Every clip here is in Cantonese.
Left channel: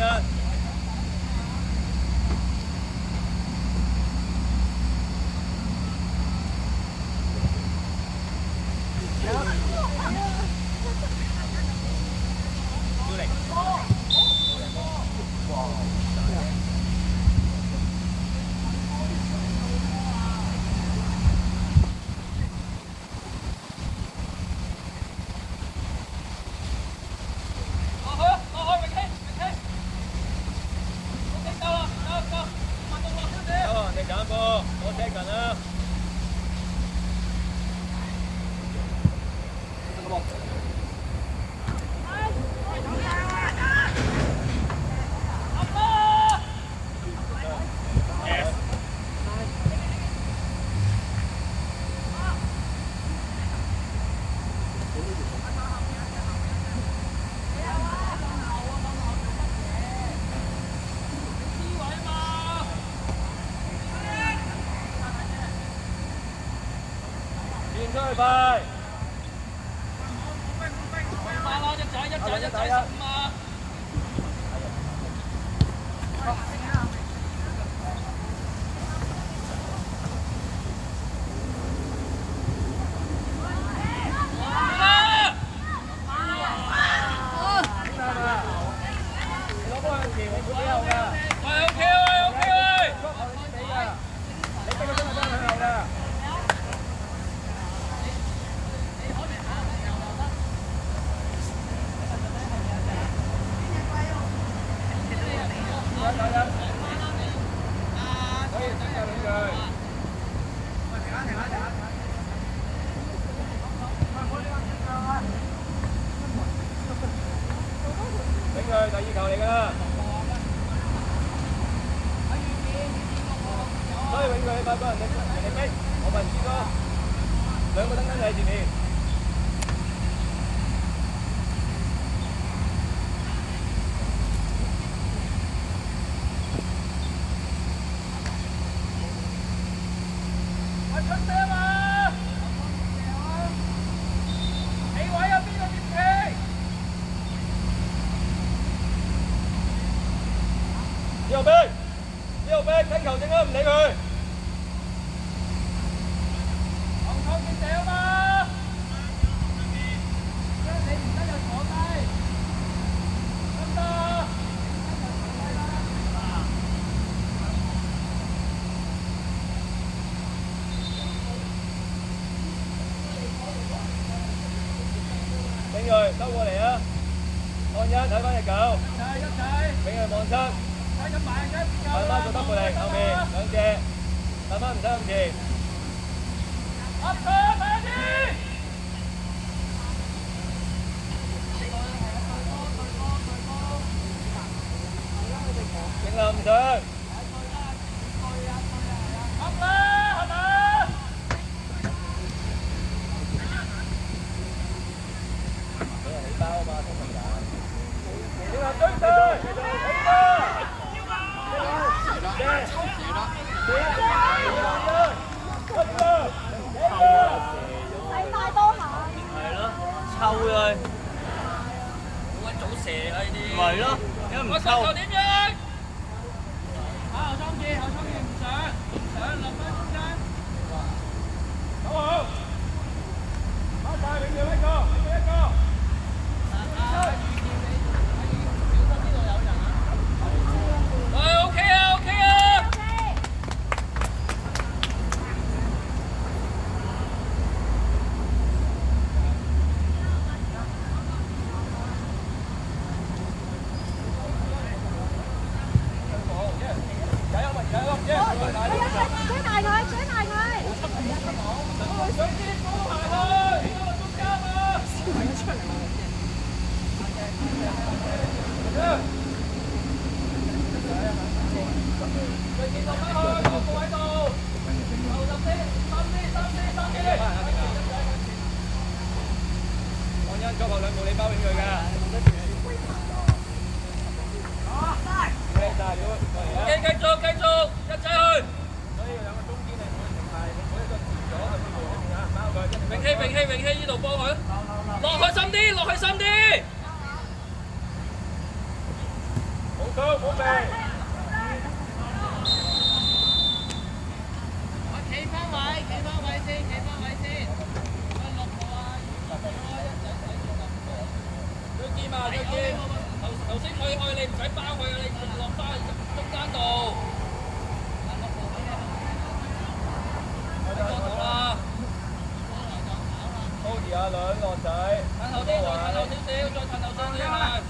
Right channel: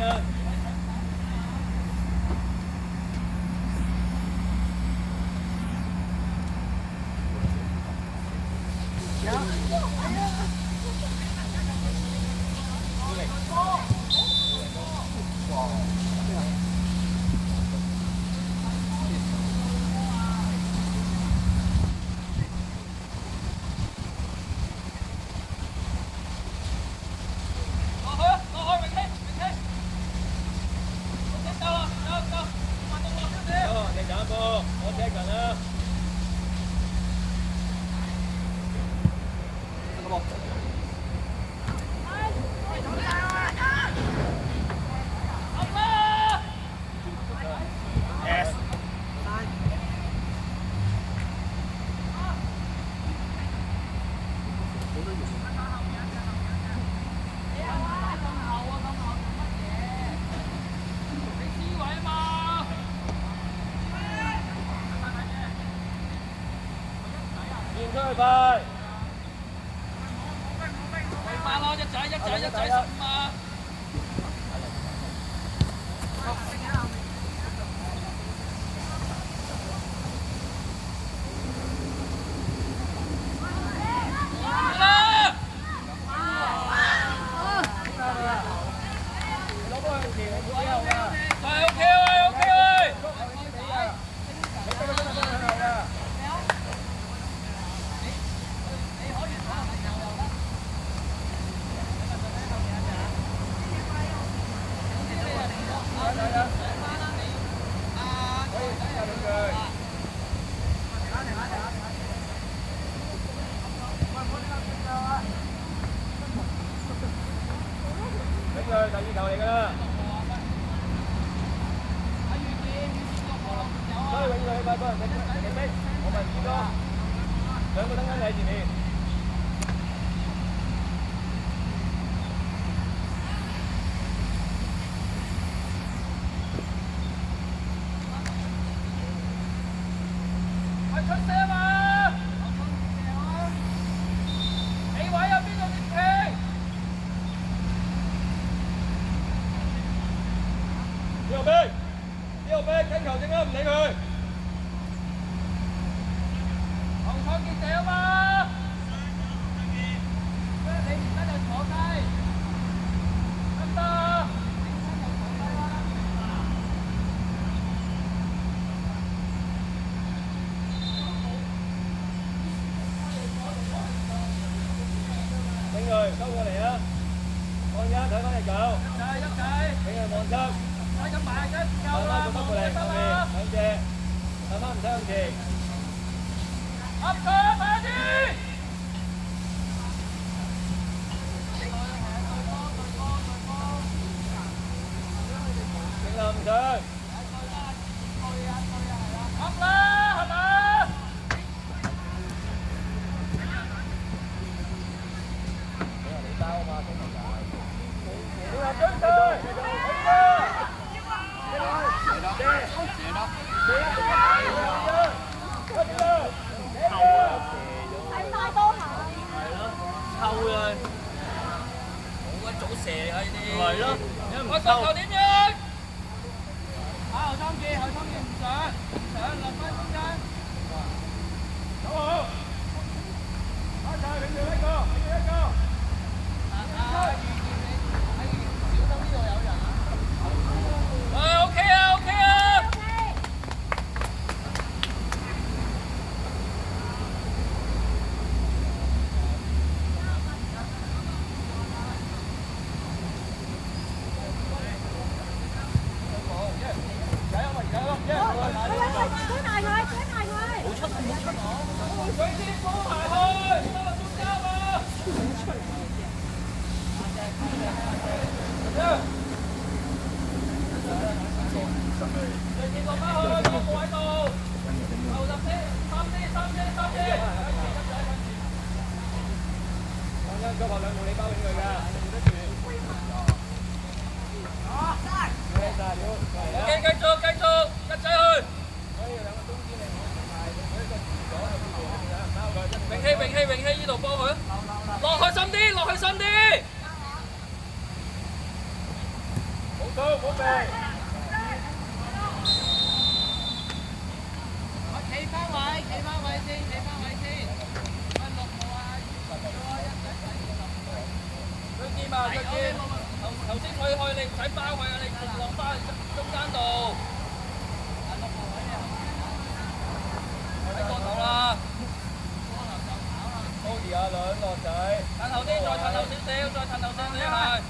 nhân. Thôi bài. Đại viên cầu嚟㗎.所以永遠你快幫人哋飛，我問先咯。兩個燈燈喺前面。呢個兵聽球證啊，唔理佢。紅創建射啊嘛！你而家就坐低，得唔得？俾佢收過嚟啊！看一睇翻隻狗，俾佢望出。慢慢做得過嚟，後面兩隻，慢慢唔使咁前。正流唔上。咪係咯，點解唔抽？點樣？後倉記唔上，立功空間。好好，快快永遠一個，永遠一個。OK 啊 ，OK 啊。數冇做。企翻位，企翻位先，企翻位先。喂，落後啊！最尖啊！最尖！頭先退開你唔使包佢啊！你落翻去中間度。喺個頭啦。高啲啊，兩個仔。褪後啲，再褪後少少，再褪後少少啊！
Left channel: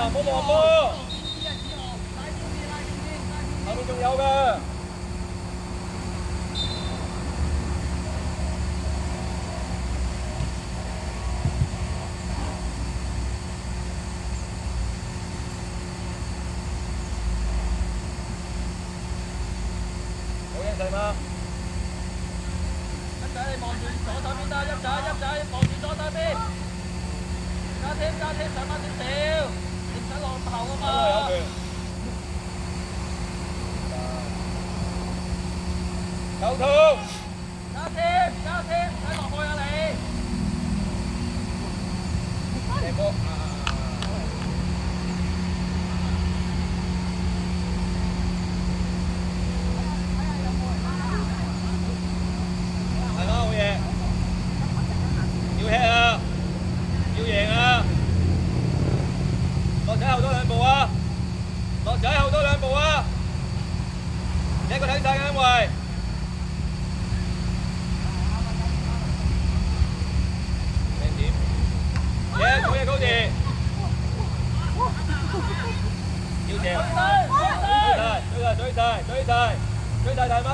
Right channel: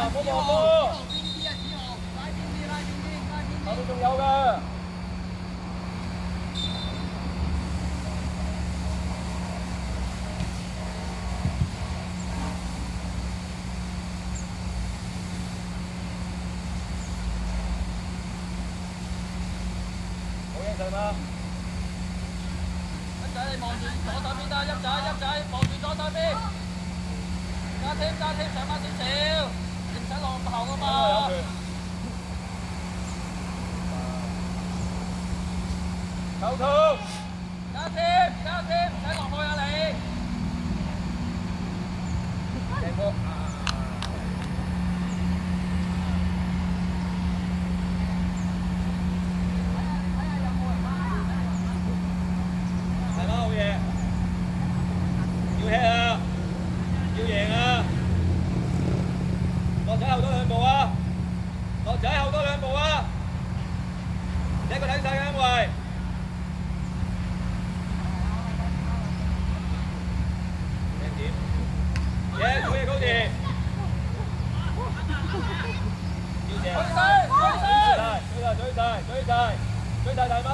唔好望波，後面仲有嘅。好嘢，細媽。一仔，你望住左手邊啦，一仔，望住左手邊。加添，上翻少少。唔使落後啊嘛！球圖，加添，唔使落去啊你！踢波啊！係啦，好嘢！要 hit 啊！要贏啊！落仔後多兩步啊！落仔後多兩步啊！一個睇晒嘅因為，咩點？嘢，好嘢，高志！要正！追晒，大媽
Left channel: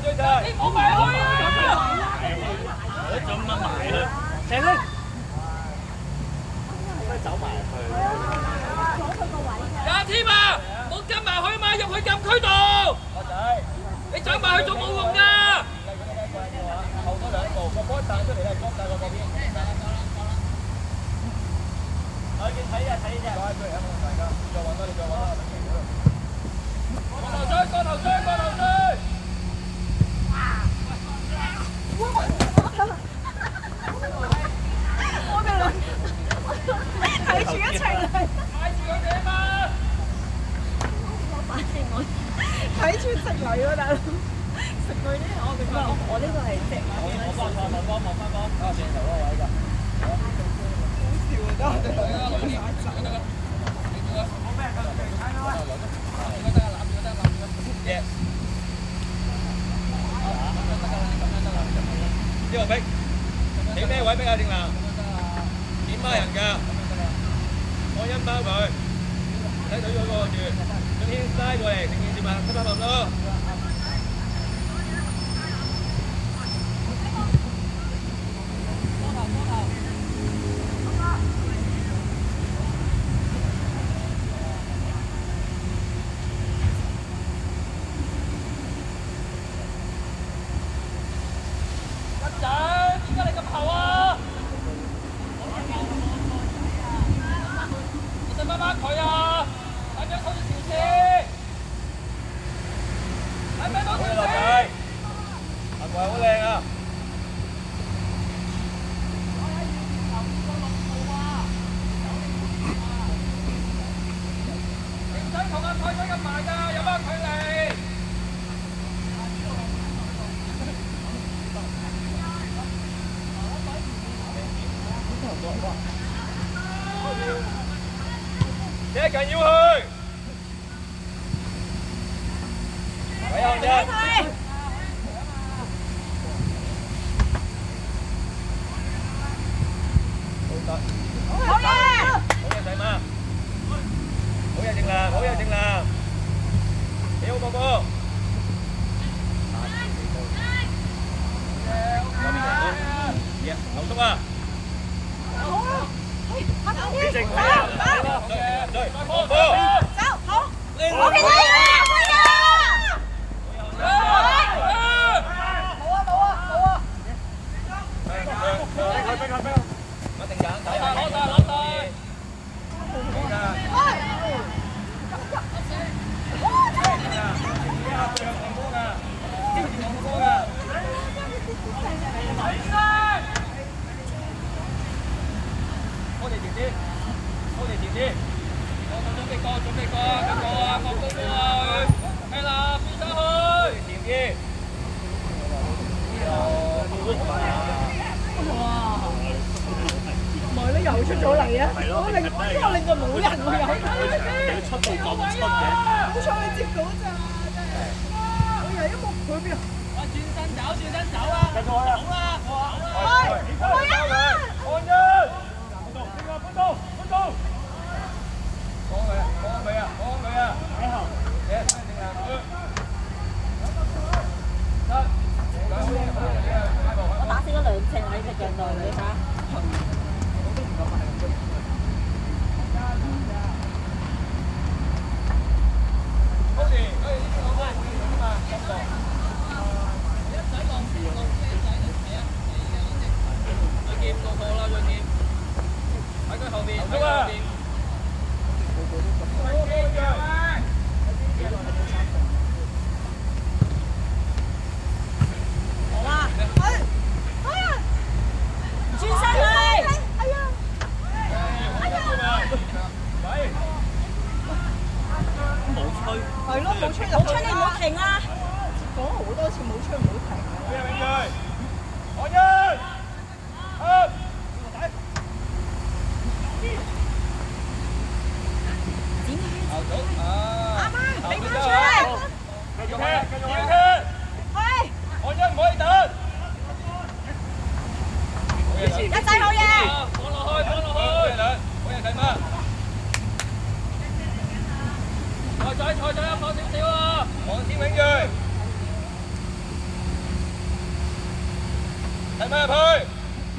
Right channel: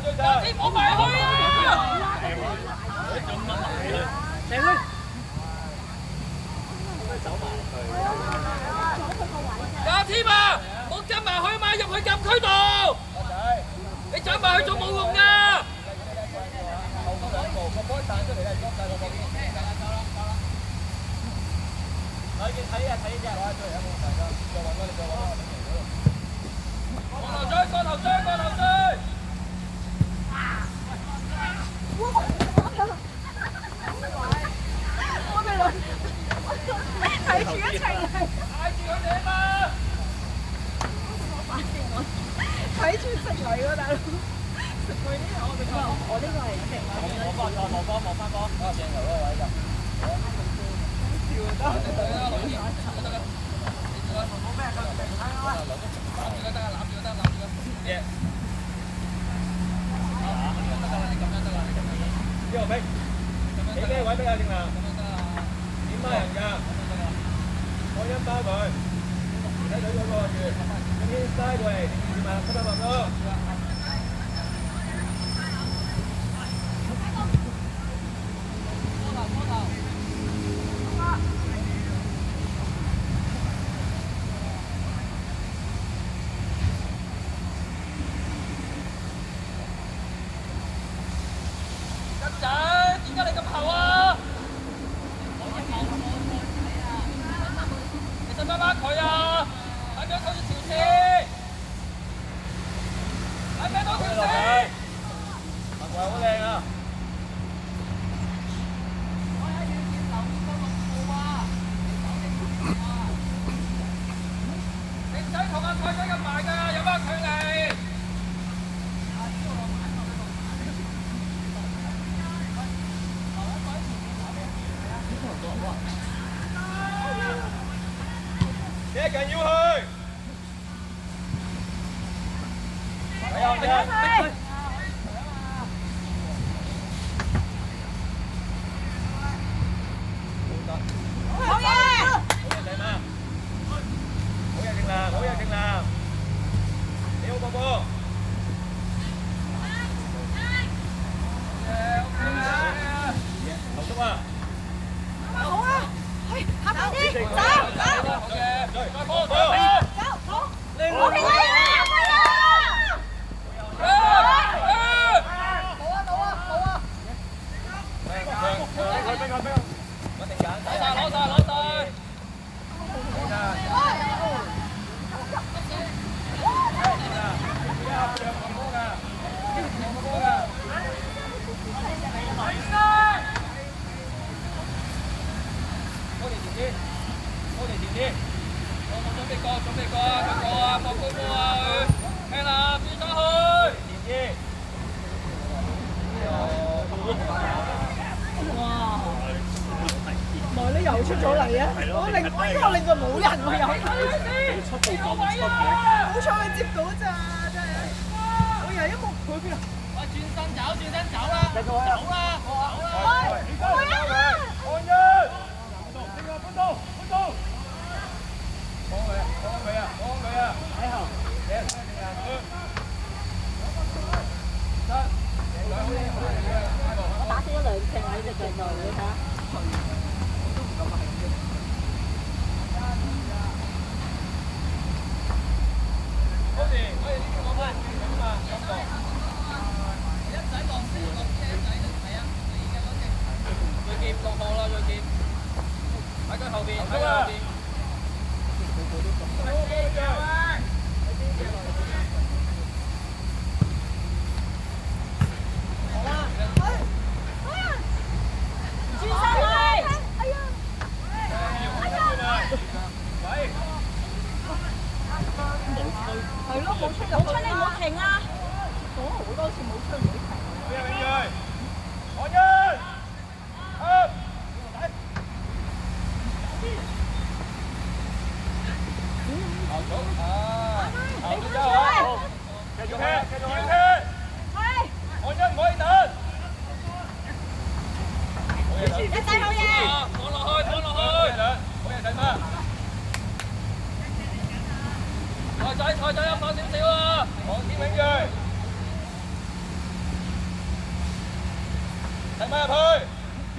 追晒！好快去啊！我咁乜埋啦？正啦！走埋去。加添啊！冇跟埋去嘛，入去禁區度。你走埋去仲冇用㗎。後多兩步，個波彈出嚟係捉曬個波邊。我見睇啊！快出嚟啊！冇問題㗎，再揾啦，你再揾啦，個頭追！我哋兩睇住一齊嚟。嗌住佢哋啊嘛！睇住食嚟喎，大佬食佢啲，我呢個係食。我幫錯落波，望翻波。啊，正頭嗰個位㗎。好啊。好笑啊！呢個逼，你咩位逼啊？正南？點孖人㗎？我一包佢，睇到佢個住，咁先拉過嚟，點啊？吸翻落咯。你一近要去，睇後啫。好嘢，仔媽，好嘢正南，你好哥哥。劉叔啊！好啊，快啲，走，走，好，OK 啦，咗你啊！我令到冇人喎有。你出到咁出嘅，好彩佢接到咋，真係。我以為一幕佢邊啊？轉身走啦！繼續去啊！喂，我一啊！按一，搬到，幫佢啊！喺後，嘢，正啊！得，好嘢，我打死咗2隻喺隻腳度，你睇下。高時，可以呢啲我都係會用㗎嘛，深度。佢劍落課啦，佢劍喺佢後邊，喺佢後邊。係咯，冇吹就冇吹，你唔好停啊！講好多次冇吹唔好停。按一，阿媽，俾翻出嚟！繼續踢！喂，按一唔可以等。一仔好嘢！放落去，好嘢睇咩？菜仔放少少啊！黃天永鋭，睇咩入去？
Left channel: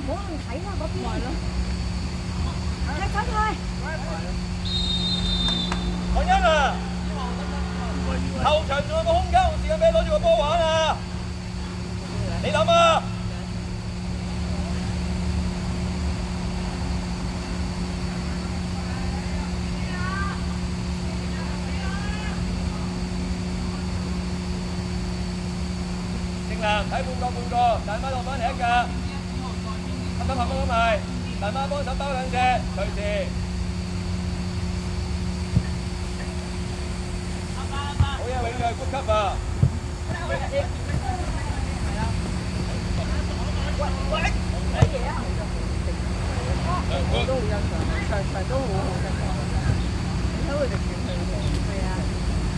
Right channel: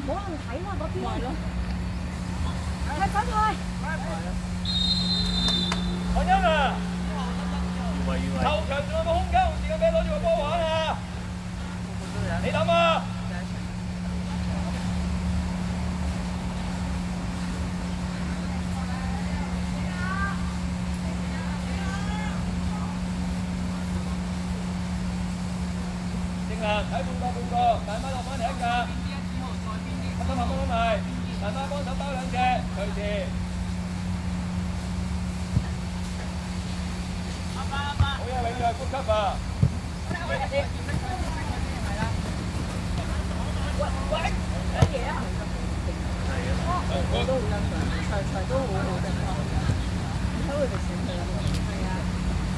冇人睇啦，嗰邊。係走佢。黃音啊！球場仲有個空間同時間俾你攞住個波玩啊！你諗啊！睇半個，大媽落翻嚟一架，合埋，大媽幫手包2隻，隨時。好嘢，永鋭高級啊！喂，睇嘢啊！我都好欣賞，場都好好真係。你睇佢哋喘氣嘅，係啊，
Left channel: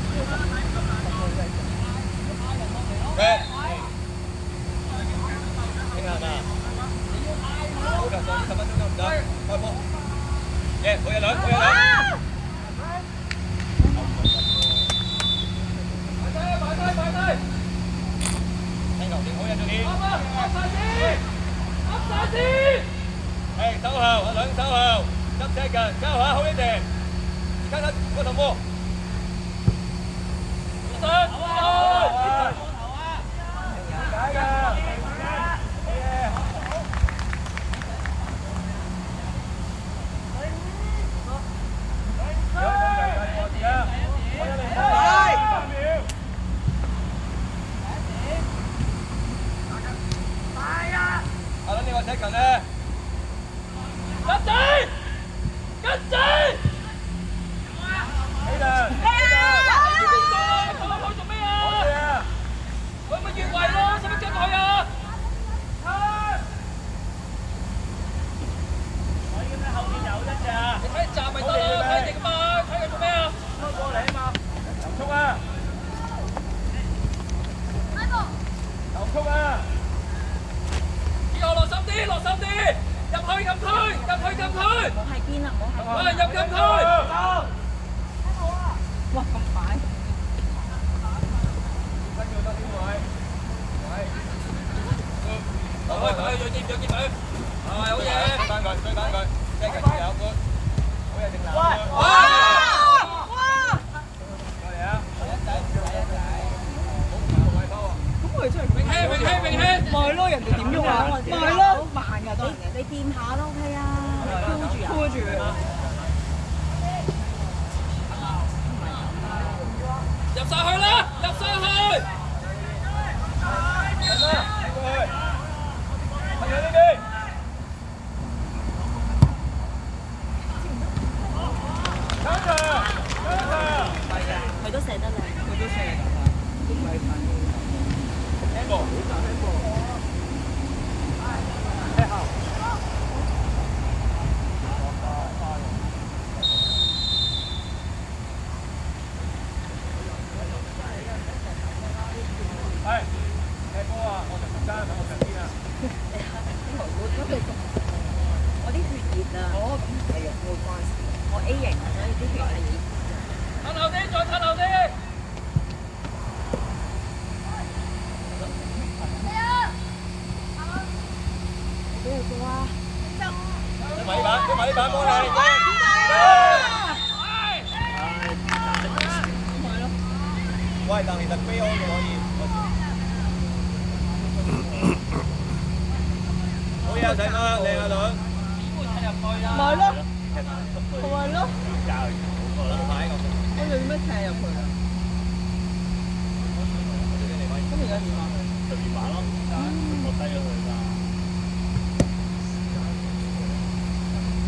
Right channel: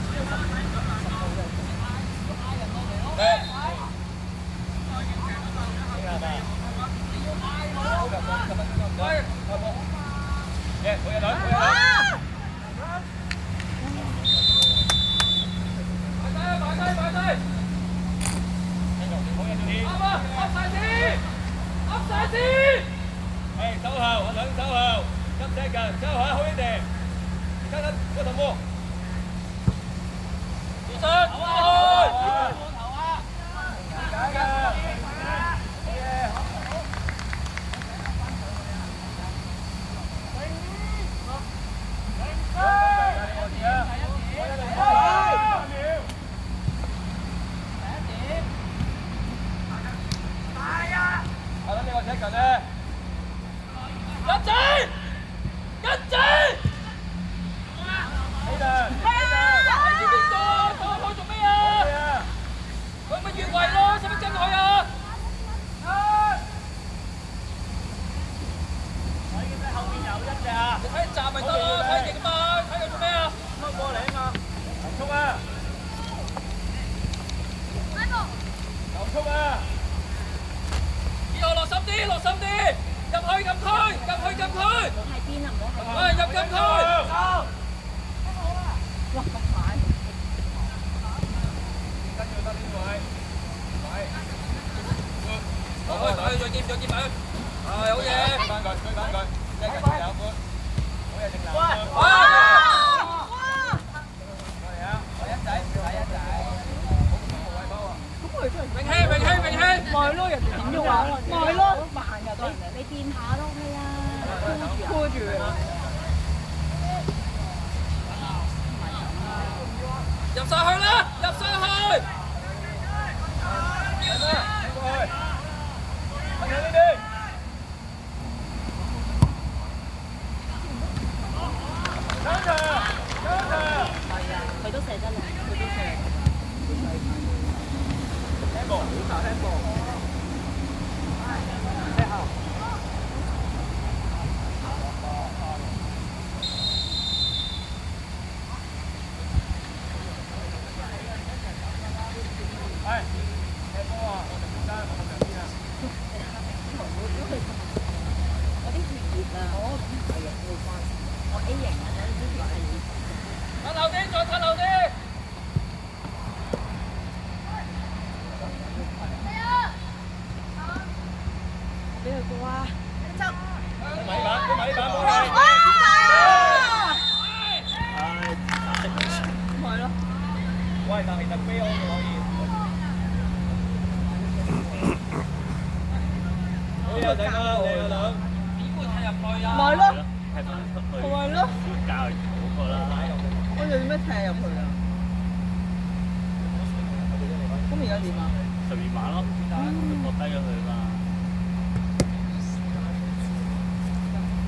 呢個10號嘅。好嘢，兩。擺低。聽球點好人啲。噏晒先。係收後，兩手後，執車近，收下好啲地。而家嗰頭波。你掂下都 OK 啊，箍住啊！入晒去啦，入晒去！佢都射得靚，佢都射。哇！俾埋啲板波你。喂，但係特飛安可以。好嘢，仔媽，靚啊女。點會踢入去啊？咪咯，咪咯，我哋點樣踢入去啊？咁而家點啊？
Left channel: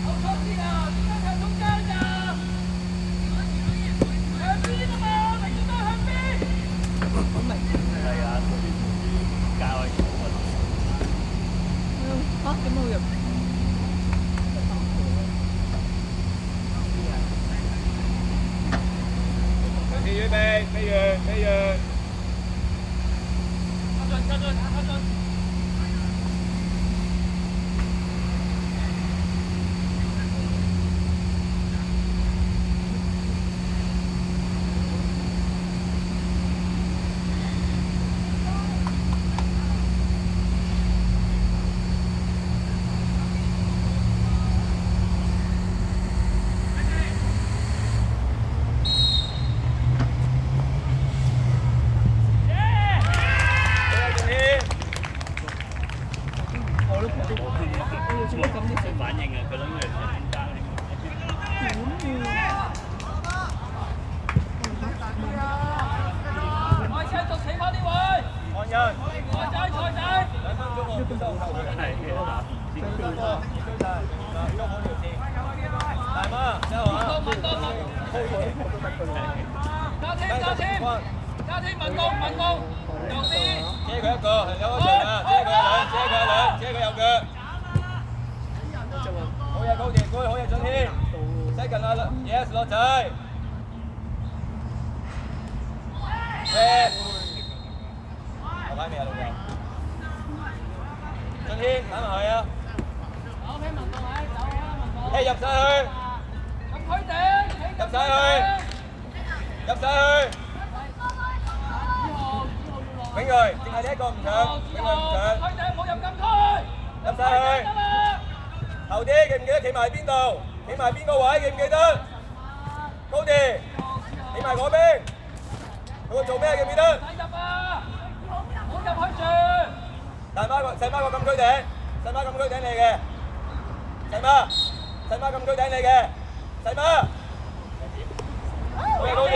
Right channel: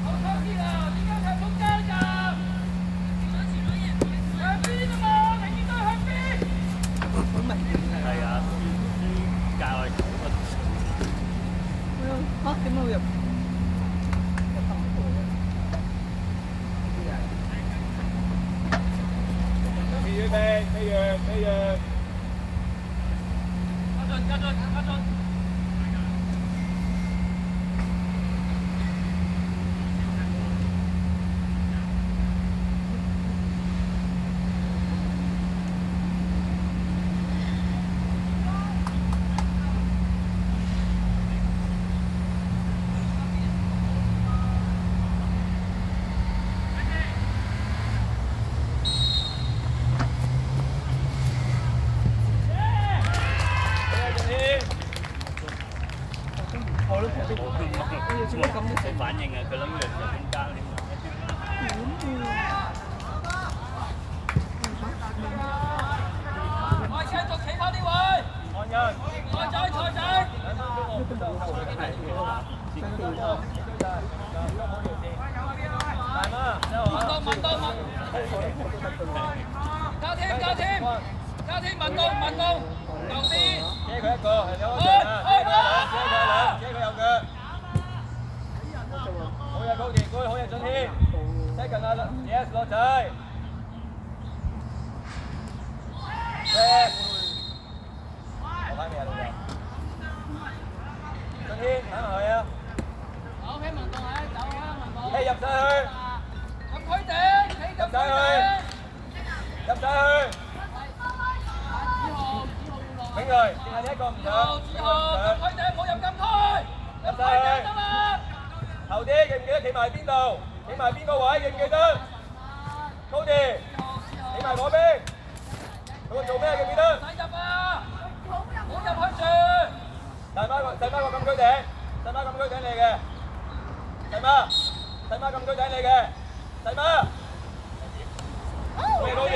後衝啲啊！點解佢中間㗎？向邊啊嘛！你見到向邊？好明顯啊！嚇點會入？預備，飛躍。加進。我繼續企翻呢位。按人。財仔。大媽，你好啊。加添問功，右邊。遮佢一個，係有場啊！遮佢右腳。好嘢高田，好嘢進添。西近啊，yes 落仔。Red。落翻未啊？進添，等落去啊！入晒去。禁區頂，入晒去。永瑞，淨係呢一個唔上，永瑞唔上。禁區頂，冇入禁區。入晒去。後啲記唔記得企埋邊度？企埋邊個位記唔記得？高啲，企埋嗰邊。佢做咩記唔記得？使入啊！冇入去住。細媽個禁區頂，細媽禁區頂你嘅。細媽禁區頂你嘅。細媽。好嘢高啲。